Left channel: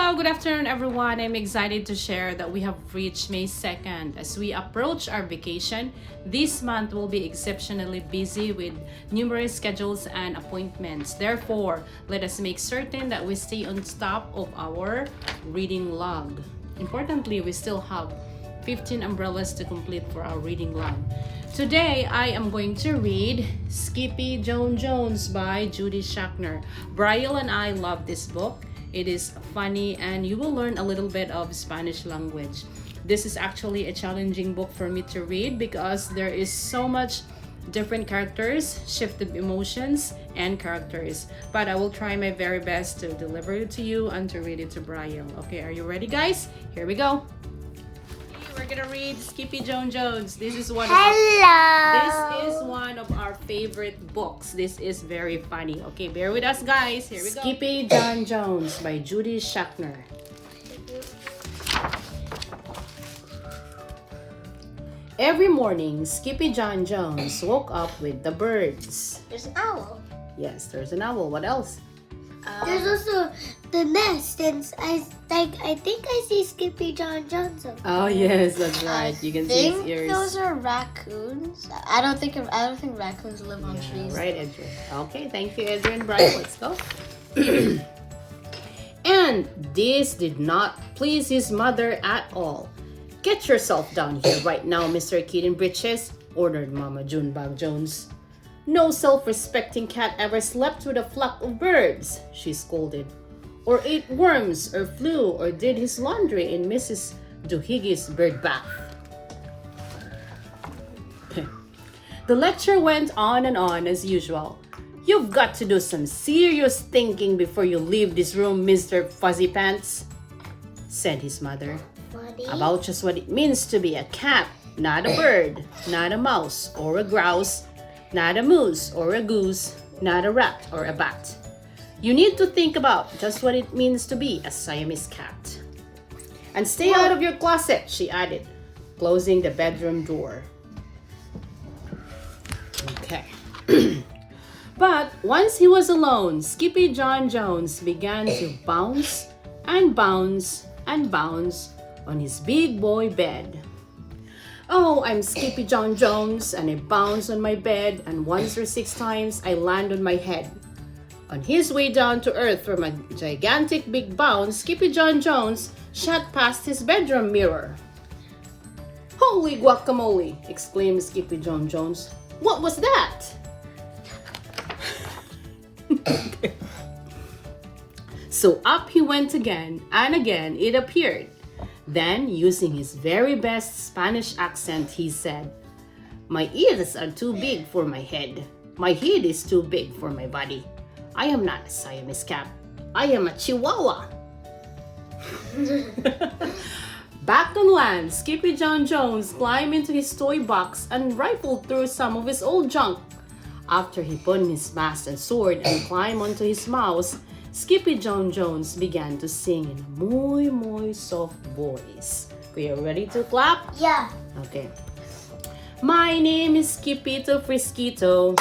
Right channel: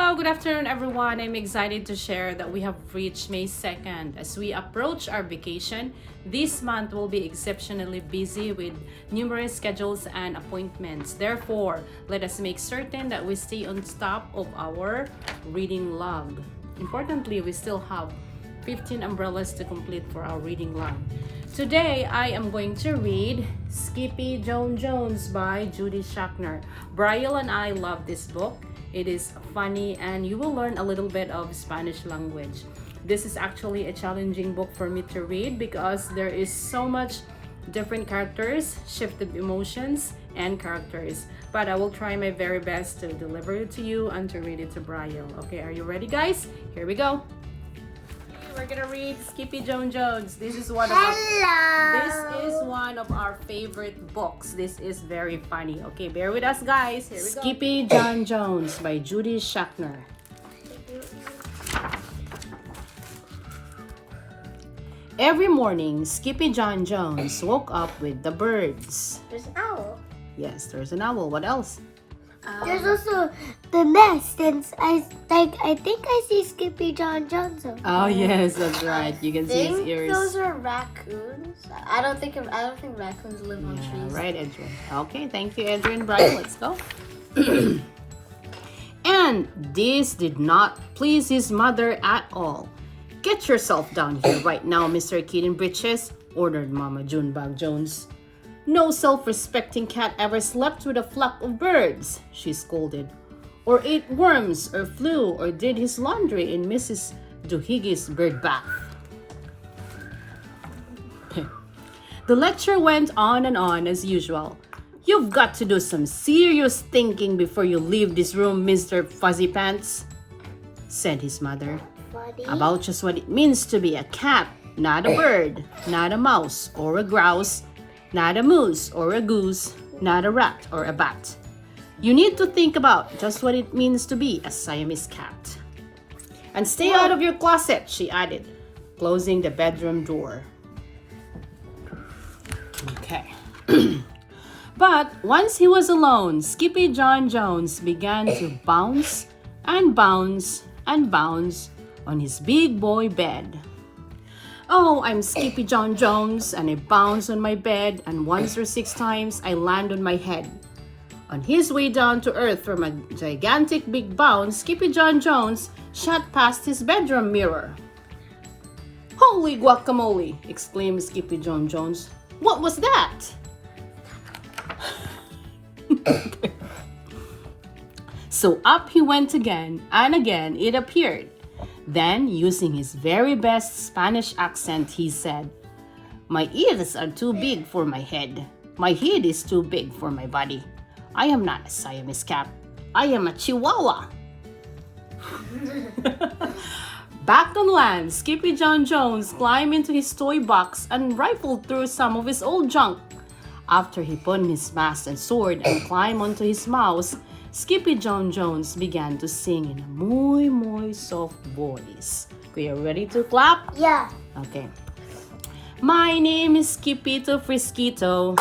Hello, good afternoon everyone. I'm excited to share that we have reached May 2nd. As we approach our vacation, this month will be exceptionally busy with numerous schedules and appointments. Therefore, let us make certain that we stay on top of our reading log. Importantly, we still have 15 umbrellas to complete for our reading log. Today, I am going to read Skippyjon Jones by Judy Schachner. Brian and I love this book. It is funny and you will learn a little bit of Spanish language. This is actually a challenging book for me to read because there is so much different characters, shifted emotions, and characters. But I will try my very best to deliver it to you and to read it to Brian. Okay, are you ready guys? Here we go. We're gonna read Skippyjon Jones. This is one of our favorite books. This is very funny. Okay, bear with us, guys. Here we go. Skippyjon Jones by Judy Schachner. Every morning, Skippyjon Jones woke up with the birds. There's an owl. Yes, there's an owl. What else? There's also the nest, and I think I see Skippyjon Jones. Oh yes, that's right. You can see his ears. Those are raccoons. I don't think raccoons live on trees. Right, Adrian. Okay, thank you, Adrian. Brian, let's go. And this did not please his mother at all. Get yourself down here right now, Mr. Kid in Breeches, ordered Mama Junebug Jones. No self-respecting cat ever slept with a flock of birds, she scolded, or ate worms, or flew, or did his laundry in Mrs. Duhige's bird bath. The lecture went on and on as usual. You've got to do some serious thinking before you leave this room, Mr. Fuzzy Pants, said his mother, about just what it means to be a cat, not a bird, not a mouse or a grouse, not a moose or a goose, not a rat or a bat. You need to think about just what it means to be a Siamese cat. And stay out of your closet, she added, closing the bedroom door. Okay. But once he was alone, Skippyjon Jones began to bounce and bounce and bounce on his big boy bed. Oh, I'm Skippyjon Jones, and I bounce on my bed, and once or 6 times I land on my head. On his way down to earth from a gigantic big bounce, Skippyjon Jones shot past his bedroom mirror. Holy guacamole, exclaimed Skippyjon Jones. What was that? So up he went again, and again it appeared. Then, using his very best Spanish accent, he said, My ears are too big for my head. My head is too big for my body. I am not a Siamese cat. I am a Chihuahua. Back on land, Skippyjon Jones climbed into his toy box and rifled through some of his old junk. After he put on his mask and sword and climbed onto his mouse, Skippyjon Jones began to sing in a muy soft voice. We are ready to clap? Yeah. Okay. My name is Skippito Frisquito.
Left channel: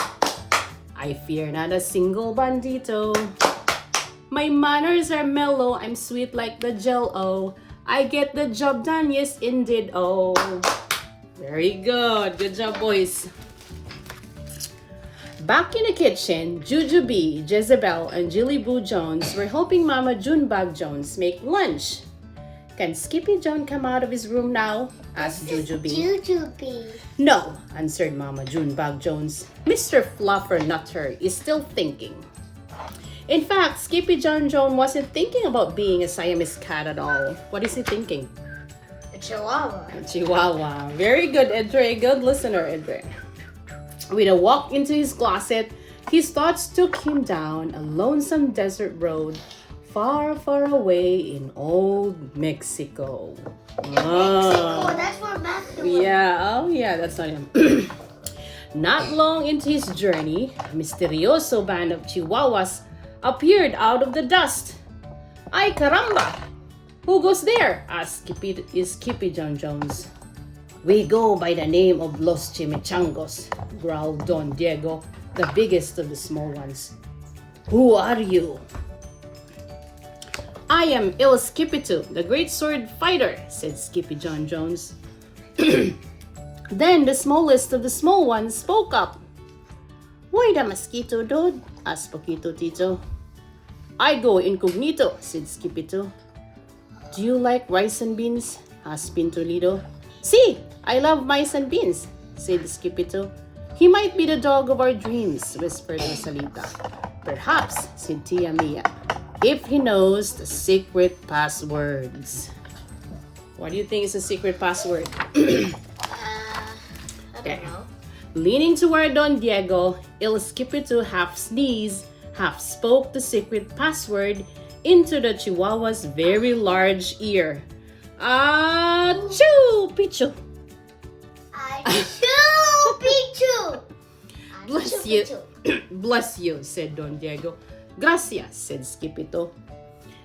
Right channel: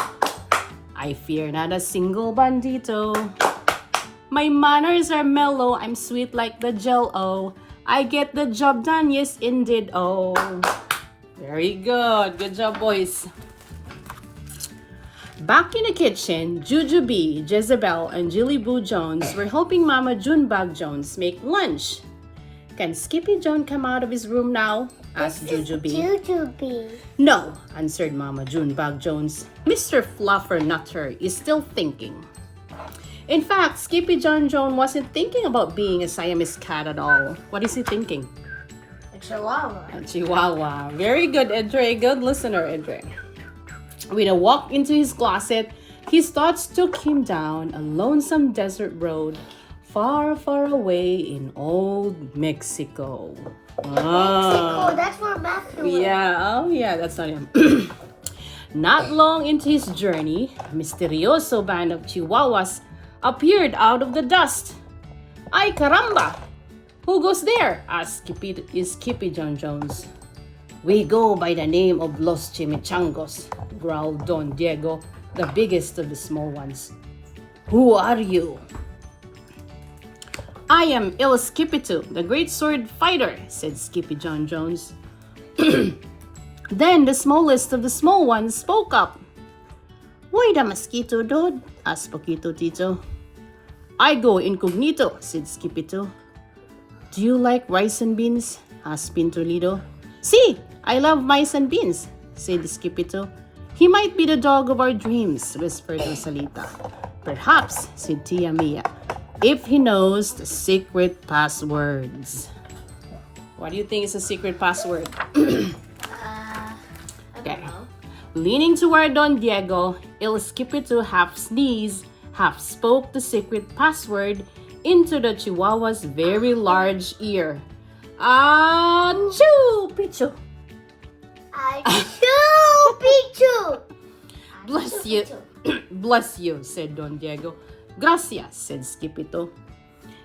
I fear not a single bandito. My manners are mellow. I'm sweet like the Jell-O. I get the job done, yes indeed. Oh, very good. Good job, boys. Back in the kitchen, Juju B, Jezebel, and Jilly Boo Jones were helping Mama Junebug Jones make lunch. Can Skippyjon come out of his room now? Asked Juju B. Juju B. No, answered Mama Junebug Jones. Mr. Fluffer Nutter is still thinking. In fact, Skippyjon Jones wasn't thinking about being a Siamese cat at all. What is he thinking? A Chihuahua. A Chihuahua. Very good, Edre. Good listener, Edre. With a walk into his closet, his thoughts took him down a lonesome desert road far, far away in old Mexico. Mexico, that's where Matthew went. Yeah, oh yeah, that's not him. Not long into his journey, a misterioso band of Chihuahuas appeared out of the dust. Ay caramba! Who goes there? Asked Skippyjon Jones. We go by the name of Los Chimichangos, growled Don Diego, the biggest of the small ones. Who are you? I am El Skippyjo, the great sword fighter, said Skippyjon Jones. Then the smallest of the small ones spoke up. Why the mosquito, dude? Asked Poquito Tito. I go incognito, said Skippyjo. Do you like rice and beans? Asked Pintolito. See, I love mice and beans, said Skippyjo. He might be the dog of our dreams, whispered Rosalita. Perhaps, said Tia Mia, if he knows the secret passwords. What do you think is the secret password? I Okay. don't know. Leaning toward Don Diego, El Skippyjo half sneezed, half spoke the secret password into the Chihuahua's very large ear. Achoo, Pichu! Achoo, Pichu! Bless you. Bless you, said Don Diego. Gracias, said Skippyjo.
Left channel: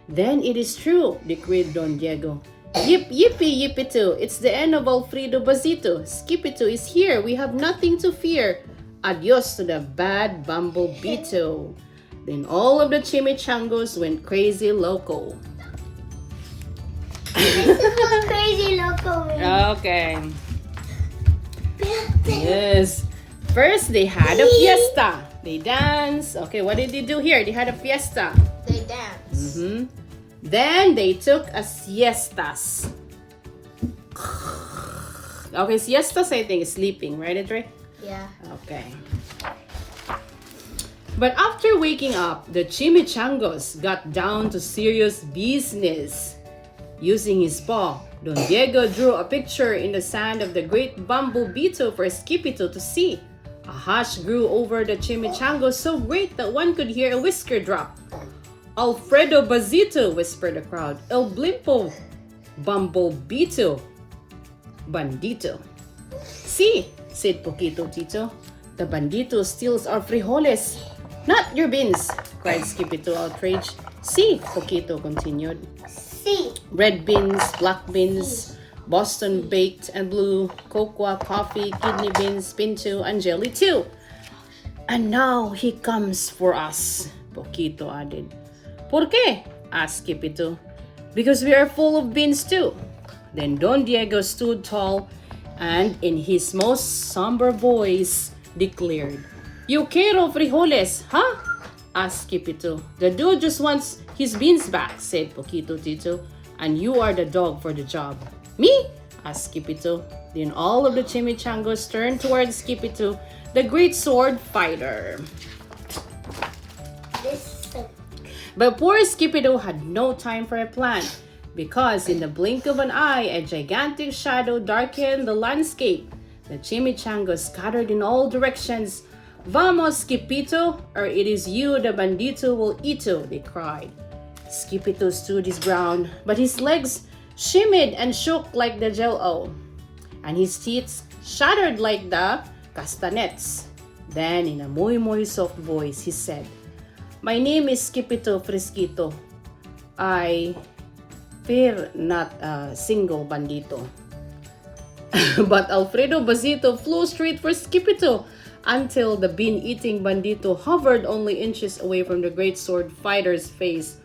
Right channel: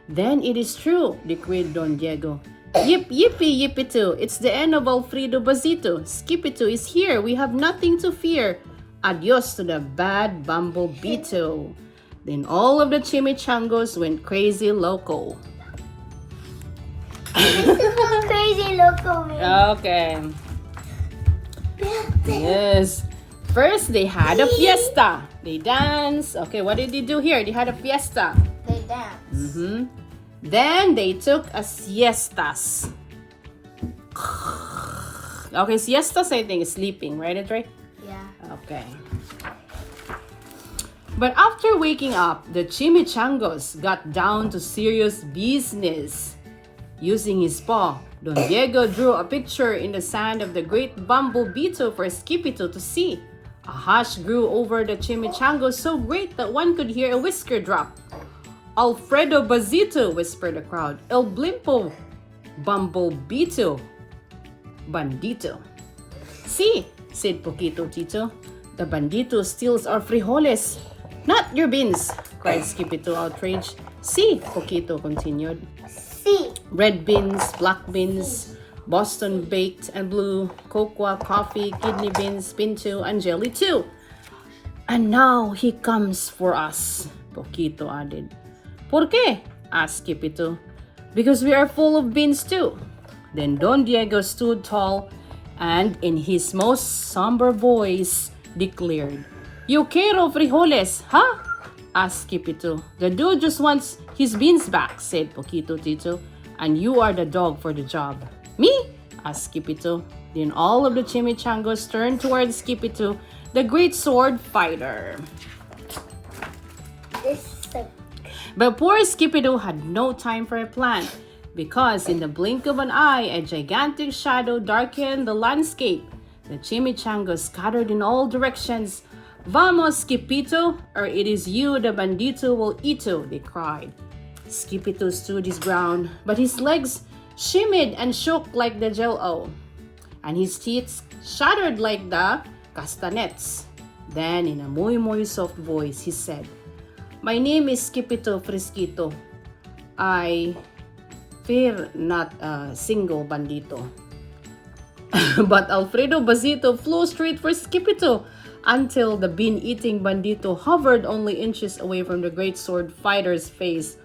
Then it is true, declared Don Diego. Yip, yippee, yippee-too. It's the end of Alfredo Bazito. Skippyjo is here. We have nothing to fear. Adios to the bad Bumblebee-too. Then all of the chimichangos went crazy loco. This is what crazy loco means. Okay. Yes. First, they had a fiesta. They danced. Okay, what did they do here? They had a fiesta. They dance. Then they took a siestas. Okay, siestas I think is sleeping, right? It's right? Yeah. Okay. But after waking up, the chimichangos got down to serious business. Using his paw, Don Diego drew a picture in the sand of the great Bumblebee-too for Skippyjo to see. A hush grew over the chimichangos so great that one could hear a whisker drop. Alfredo Bazito, whispered the crowd. El Blimpo, Bumblebee-too, Bandito. See, said Poquito Tito. The bandito steals our frijoles. Not your beans, cried Skippyjo outraged. See, Poquito continued. See. Red beans, black beans, Boston baked and blue, cocoa, coffee, kidney beans, pinto, and jelly too. And now he comes for us, Poquito added. ¿Por qué? Asked Skippyjo. Because we are full of beans too. Then Don Diego stood tall and in his most somber voice declared, Yo quiero frijoles, huh? Asked Skippyjo. The dude just wants his beans back, said Poquito Tito. And you are the dog for the job. Me? Asked Skippyjo. Then all of the chimichangos turned towards Skippyjo, the great sword fighter. But poor Skippyjo had no time for a plan, because in the blink of an eye, a gigantic shadow darkened the landscape. The chimichangos scattered in all directions. Vamos, Skippyjo, or it is you the bandito will eato, they cried. Skippyjo stood his ground, but his legs shimmied and shook like the jello, and his teeth shattered like the castanets. Then, in a muy soft voice, he said, My name is Skippyjo Fresquito. I fear not a single bandito. But Alfredo Bazito flew straight for Skippyjo until the bean-eating bandito hovered only inches away from the great sword fighter's face.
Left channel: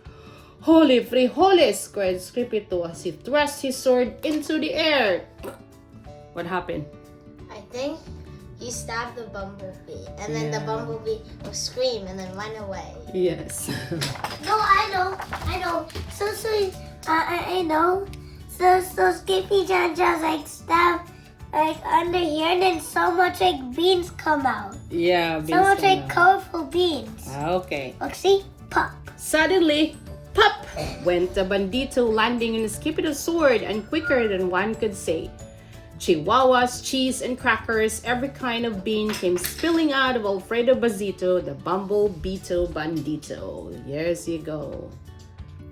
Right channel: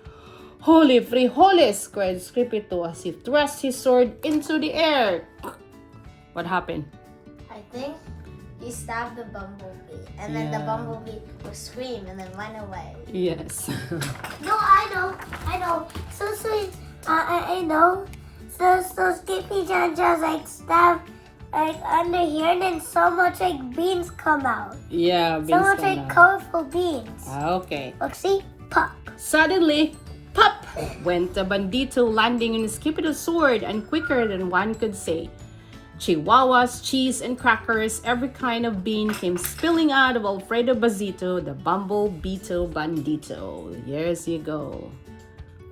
Holy frijoles! Cried Skippyjo as he thrust his sword into the air. What happened? I think he stabbed the bumblebee, and then the bumblebee will scream and then run away. Yes. No, I know. So, I know. So Skippyjon just like stabbed like under here, and then so much like beans come out. Yeah, So much like colorful beans. Okay. Look, see? Pop. Suddenly, pop! Went the bandito, landing in Skippyjo's sword, and quicker than one could say. Chihuahuas, cheese, and crackers, every kind of bean came spilling out of Alfredo Bazito, the Bumblebee-too bandito. Here's you go.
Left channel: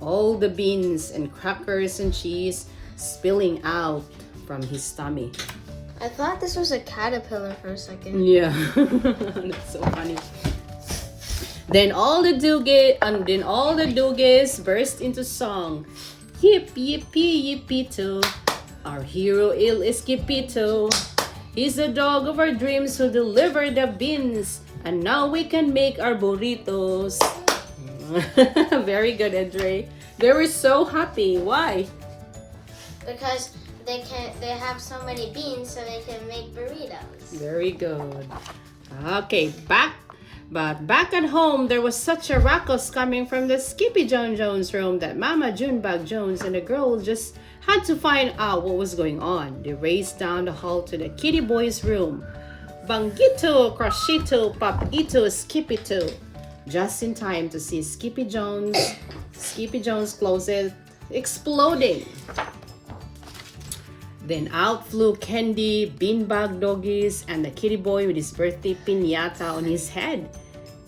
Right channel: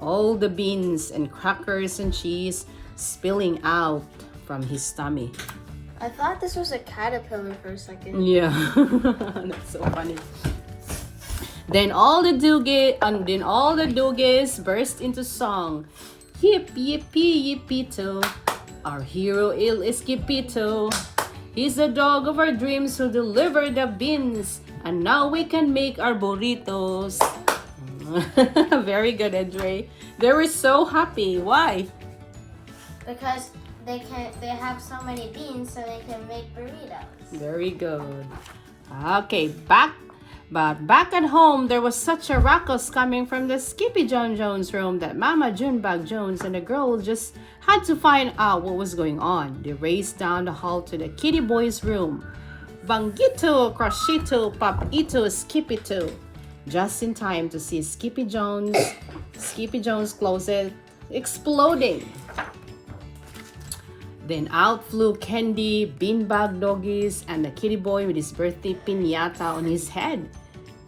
All the beans and crackers and cheese spilling out from his tummy. I thought this was a caterpillar for a second. Yeah, that's so funny. Then all the doogies burst into song. Yip yippee yippee-too. Our hero Il Skippyjo. He's the dog of our dreams who delivered the beans, and now we can make our burritos. Very good, Andre. They were so happy. Why? Because they have so many beans, so they can make burritos. Very good. Okay, back at home, there was such a ruckus coming from the Skippyjon Jones room that Mama Junebug Jones and the girl just had to find out what was going on. They raced down the hall to the kitty boy's room. Bangito, Crashito, Papito, Skippito. Just in time to see Skippyjon's closet exploding. Then out flew Candy, Beanbag Doggies, and the kitty boy with his birthday piñata on his head.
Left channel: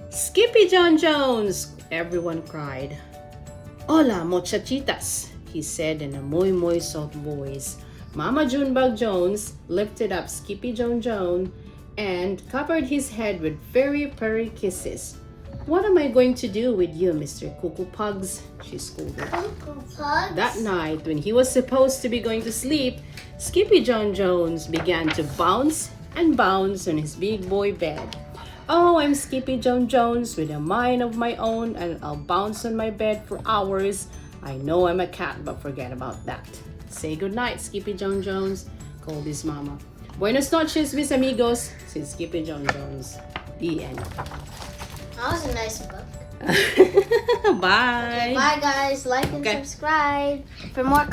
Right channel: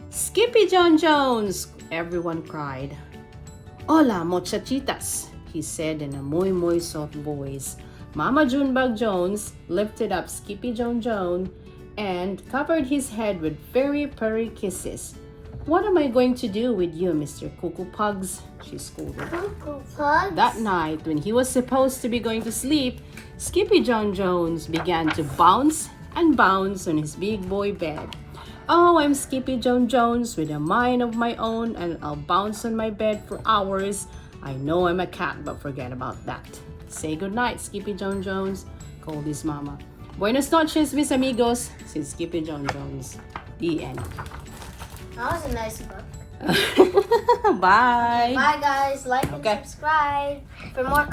Skippyjon Jones! Everyone cried. Hola, muchachitas, he said in a muy soft voice. Mama Junebug Jones lifted up Skippyjon Jones and covered his head with very purry kisses. What am I going to do with you, Mr. Cuckoo Pugs? She scolded. Cuckoo Pugs? That night, when he was supposed to be going to sleep, Skippyjon Jones began to bounce and bounce on his big boy bed. Oh, I'm Skippyjon Jones with a mind of my own, and I'll bounce on my bed for hours. I know I'm a cat, but forget about that. Say goodnight, Skippyjon Jones, called his mama. Buenos noches, mis amigos, said Skippyjon Jones. The end. That was a nice book. Bye. Bye guys, like and Okay. subscribe for more